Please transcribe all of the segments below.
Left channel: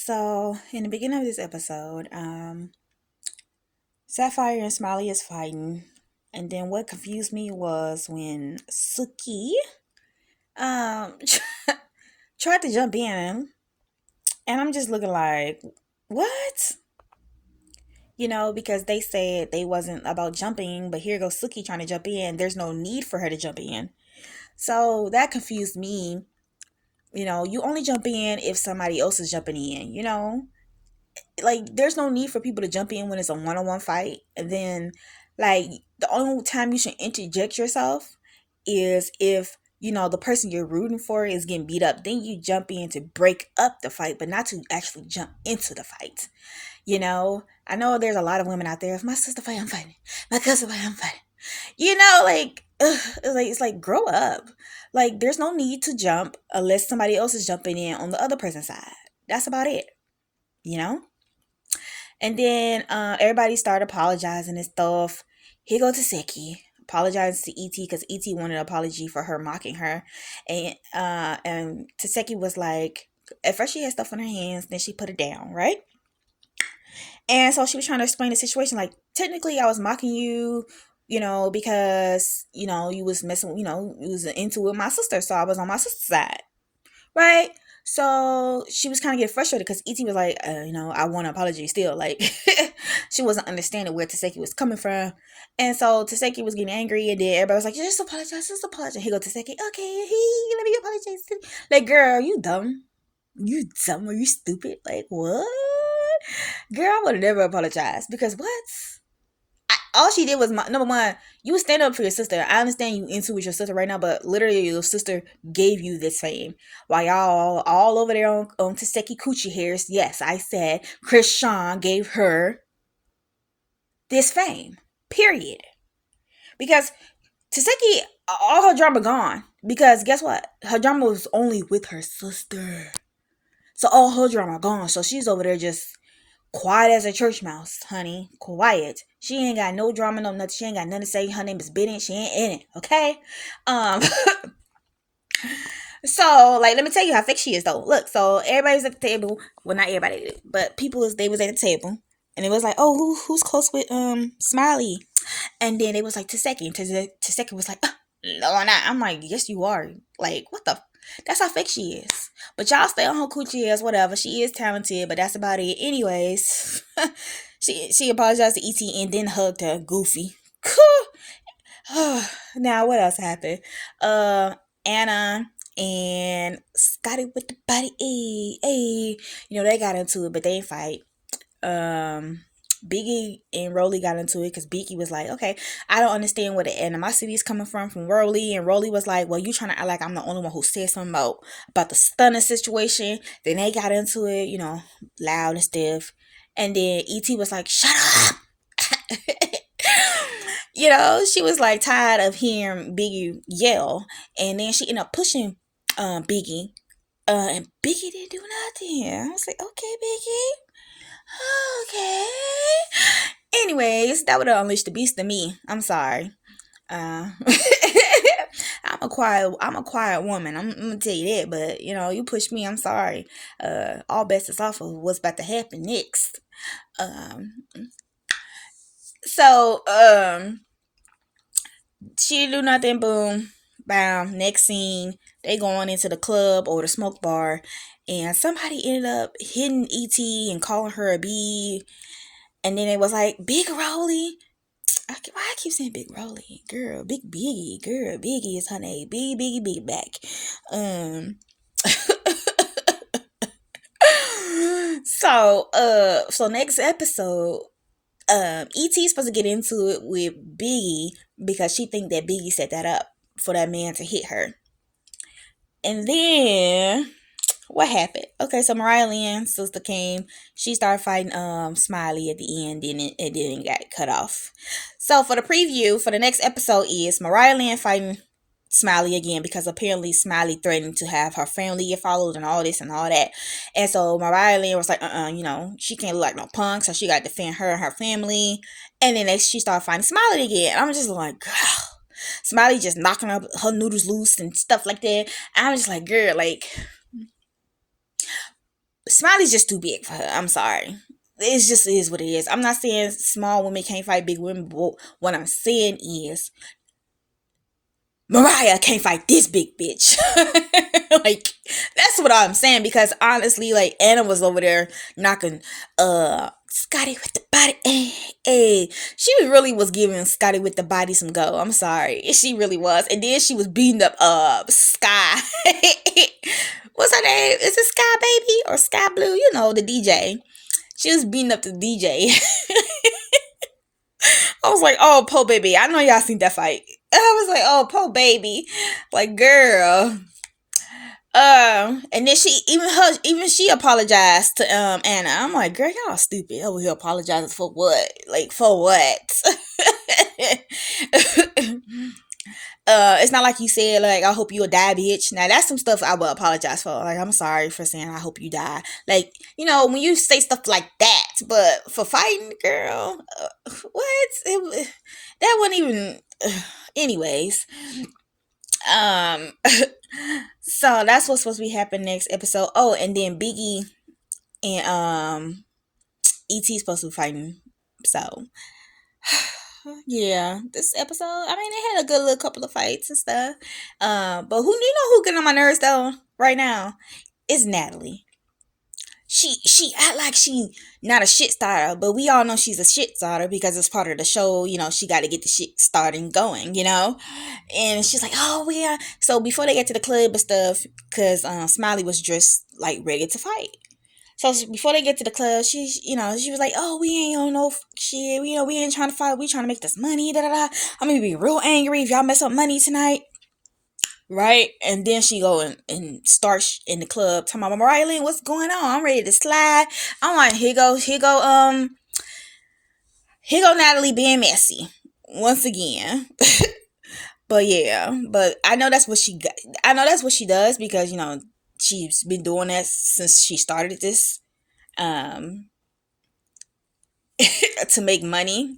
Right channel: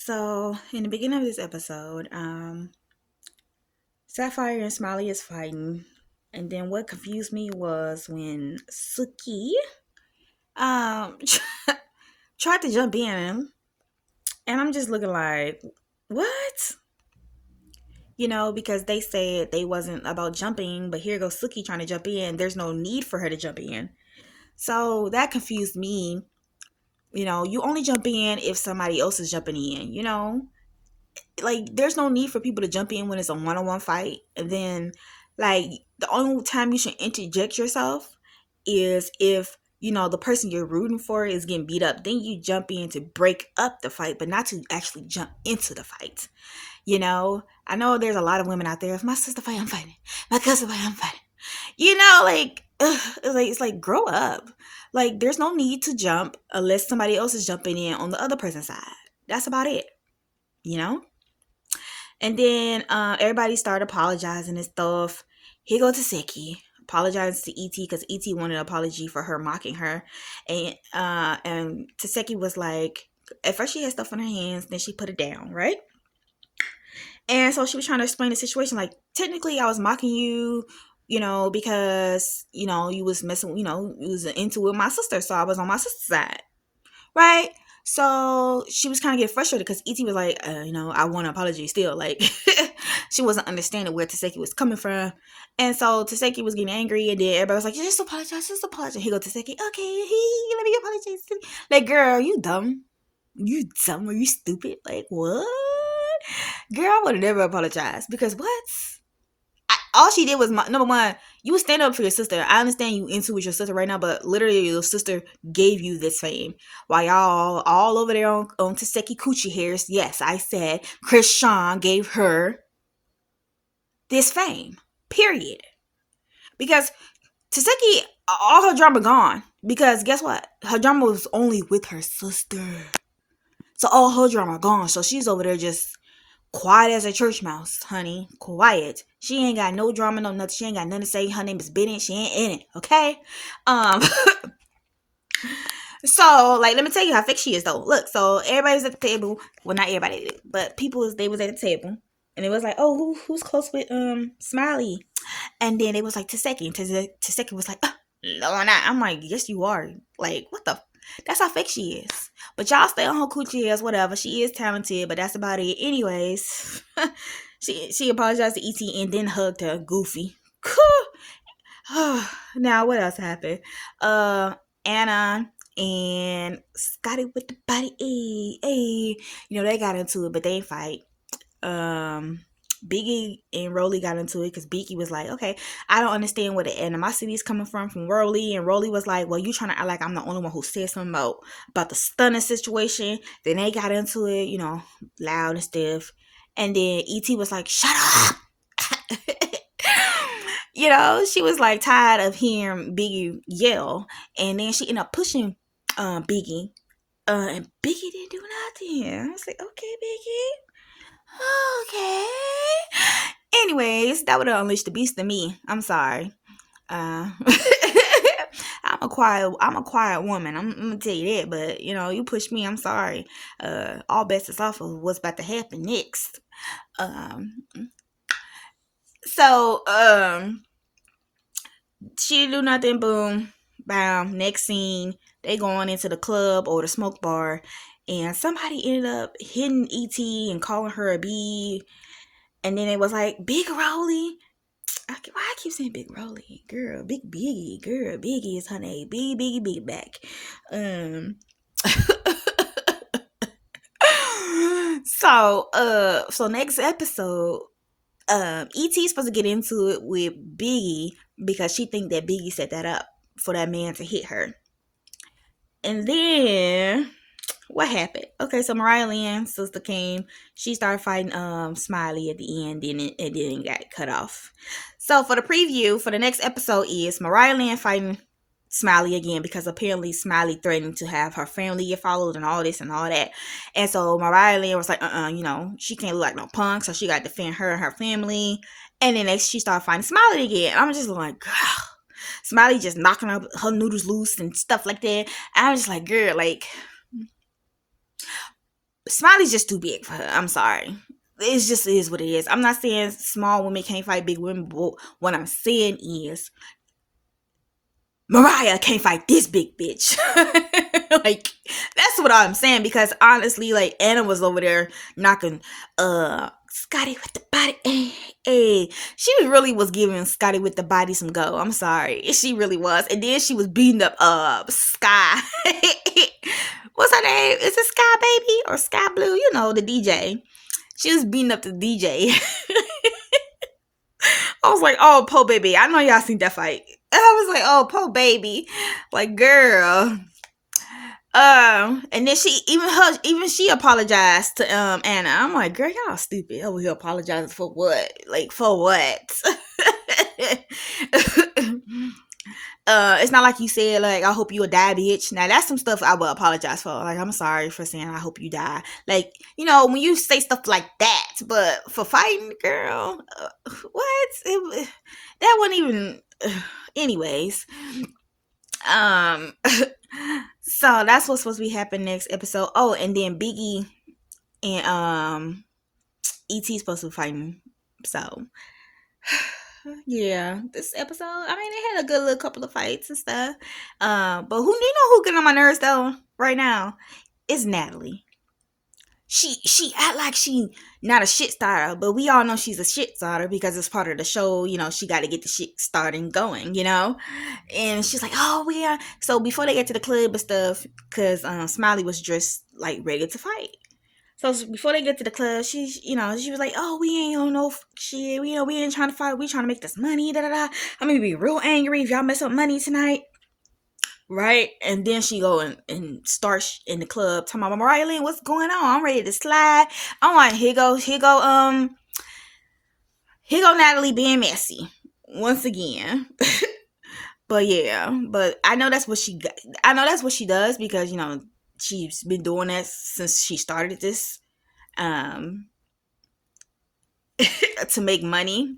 So, in the beginning of this episode, Sapphire and Smiley is fighting, and then what confused me was when Suki um tried to jump in, and I'm just looking like, what? Because they said they wasn't about jumping, but here goes Suki trying to jump in. There's no need for her to jump in, so that confused me. You only jump in if somebody else is jumping in. Like there's no need for people to jump in when it's a one-on-one fight, and then like the only time you should interject yourself is if the person you're rooting for is getting beat up. Then you jump in to break up the fight, but not to actually jump into the fight. I know there's a lot of women out there. If my sister fight, I'm fighting. My cousin fight, I'm fighting. Like it's like grow up. Like there's no need to jump unless somebody else is jumping in on the other person's side. That's about it. you know And then everybody started apologizing and stuff. Here go Taseki apologized to ET because ET wanted an apology for her mocking her, and Taseki was like, at first she had stuff on her hands, then she put it down, right? And so she was trying to explain the situation, like, technically I was mocking you, because you was messing, you was into with my sister, so I was on my sister's side, right? So she was kind of getting frustrated because ET was like, I want an apology still. Like, she wasn't understanding where Taseki was coming from. And so Taseki was getting angry, and then everybody was like, just apologize, just apologize. He go, Taseki, okay, let me apologize. Like, girl, you dumb. You dumb or you stupid? Like, what? Girl, I would have never apologized because what? All she did was number one, you stand up for your sister. I understand you into with your sister right now, but literally your sister gave you this fame while y'all all over there on Taseki Coochie hairs. Yes, I said Chris Sean gave her this fame. Period. Because Taseki, all her drama gone. Because guess what? Her drama was only with her sister. So all her drama gone. So she's over there just quiet as a church mouse, honey. Quiet. She ain't got no drama, no nothing. She ain't got nothing to say. Her name is Bennett. She ain't in it, okay? Um, so, like, let me tell you how fake she is, though. Look, so everybody's at the table. Well, not everybody, but they was at the table. And it was like, oh, who's close with Smiley? And then it was like Taseki. And Taseki was like, no, I'm not. I'm like, yes, you are. Like, what the? That's how fake she is. But y'all stay on her coochie ass, whatever. She is talented, but that's about it. Anyways, she apologized to ET and then hugged her. Goofy. Now, what else happened? Anna and Scotty with the body. Hey. They got into it, but they fight. Biggie and Rolly got into it because Biggie was like, okay, I don't understand where the animosity is coming from Rolly. And Rolly was like, well, you trying to act like I'm the only one who said something about the stunner situation. Then they got into it, loud and stiff. And then ET was like, shut up. She was like tired of hearing Biggie yell. And then she ended up pushing Biggie. And Biggie didn't do nothing. I was like, okay, Biggie. Okay. Anyways, that would have unleashed the beast in me. I'm sorry. I'm a quiet woman. I'm gonna tell you that, but you push me. I'm sorry. All bets is off of what's about to happen next. Um, so she didn't do nothing. Boom, bam. Next scene, they going into the club or the smoke bar, and somebody ended up hitting ET and calling her a B. And then it was like, Big Rolly. Why I keep saying Big Rolly? Girl, Big Biggie. Girl, Biggie is her name. Big back. So next episode, E.T. supposed to get into it with Biggie because she think that Biggie set that up for that man to hit her. And then what happened? Okay, so Mariah Lynn's sister came. She started fighting Smiley at the end, and then got cut off. So for the preview for the next episode is Mariah Lynn fighting Smiley again because apparently Smiley threatened to have her family get followed and all this and all that. And so Mariah Lynn was like, she can't look like no punk, so she got to defend her and her family. And then next she started fighting Smiley again. I'm just like, girl. Smiley just knocking her noodles loose and stuff like that. I'm just like, girl, like, Smiley's just too big for her. I'm sorry. It just is what it is. I'm not saying small women can't fight big women, but what I'm saying is Mariah can't fight this big bitch. Like, that's what I'm saying, because honestly, like, Anna was over there knocking Scotty with the body. Hey, she really was giving Scotty with the body some go. I'm sorry. She really was. And then she was beating up Sky. What's her name? Is it Sky Baby or Sky Blue? You know, the DJ. She was beating up the DJ. I was like, oh, po baby. I know y'all seen that fight. And I was like, oh, po baby. Like, girl. And then she apologized to Anna. I'm like, girl, y'all stupid over here apologizing for what? Like, for what? It's not like you said, like, I hope you will die, bitch. Now, that's some stuff I will apologize for. Like, I'm sorry for saying I hope you die. Like, you know, when you say stuff like that, but for fighting, girl, what? That wasn't even... anyways. So that's what's supposed to be happening next episode. Oh, and then Biggie and E.T. supposed to be fighting. So... yeah, this episode, I mean, it had a good little couple of fights and stuff. But who, you know who getting on my nerves though right now? It's Natalie. She act like she not a shit starter, but we all know she's a shit starter because it's part of the show. You know, she got to get the shit starting going. You know, and she's like, oh yeah. So before they get to the club and stuff, because Smiley was dressed like ready to fight. So before they get to the club, she was like, oh, we ain't on no shit. We ain't trying to fight. We trying to make this money. Da da da. I'm gonna be real angry if y'all mess up money tonight. Right? And then she go and start in the club talking about, Mariah Lynn, what's going on? I'm ready to slide. I'm like, here go Natalie being messy once again. But yeah, but I know that's what she does because, you know, she's been doing that since she started this to make money.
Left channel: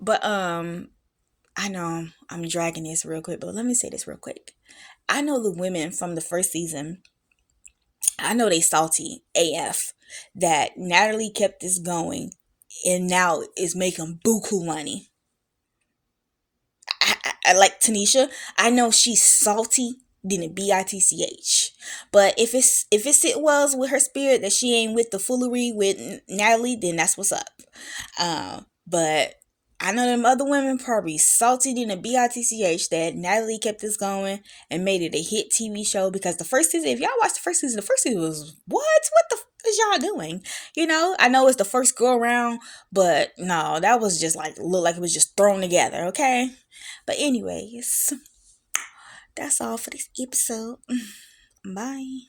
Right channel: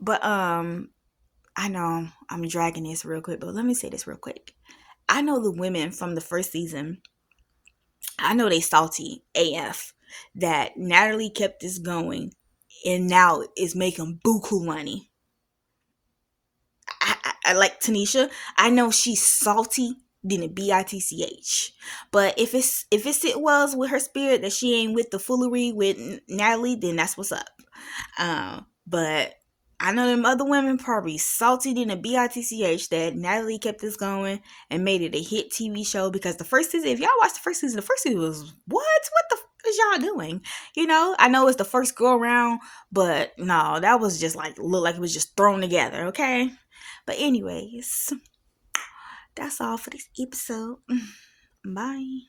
But I know I'm dragging this real quick, but let me say this real quick. I know the women from the first season, I know they salty AF that Natalie kept this going and now is making buku money. I like Tanisha. I know she's salty than a bitch. But if it sit well with her spirit that she ain't with the foolery with Natalie, then that's what's up. But I know them other women probably salty than a bitch that Natalie kept this going and made it a hit TV show, because the first season, if y'all watched the first season was what the is y'all doing? You know, I know it's the first go around, but no, that was just like, looked like it was just thrown together, okay? But anyways, that's all for this episode. Bye.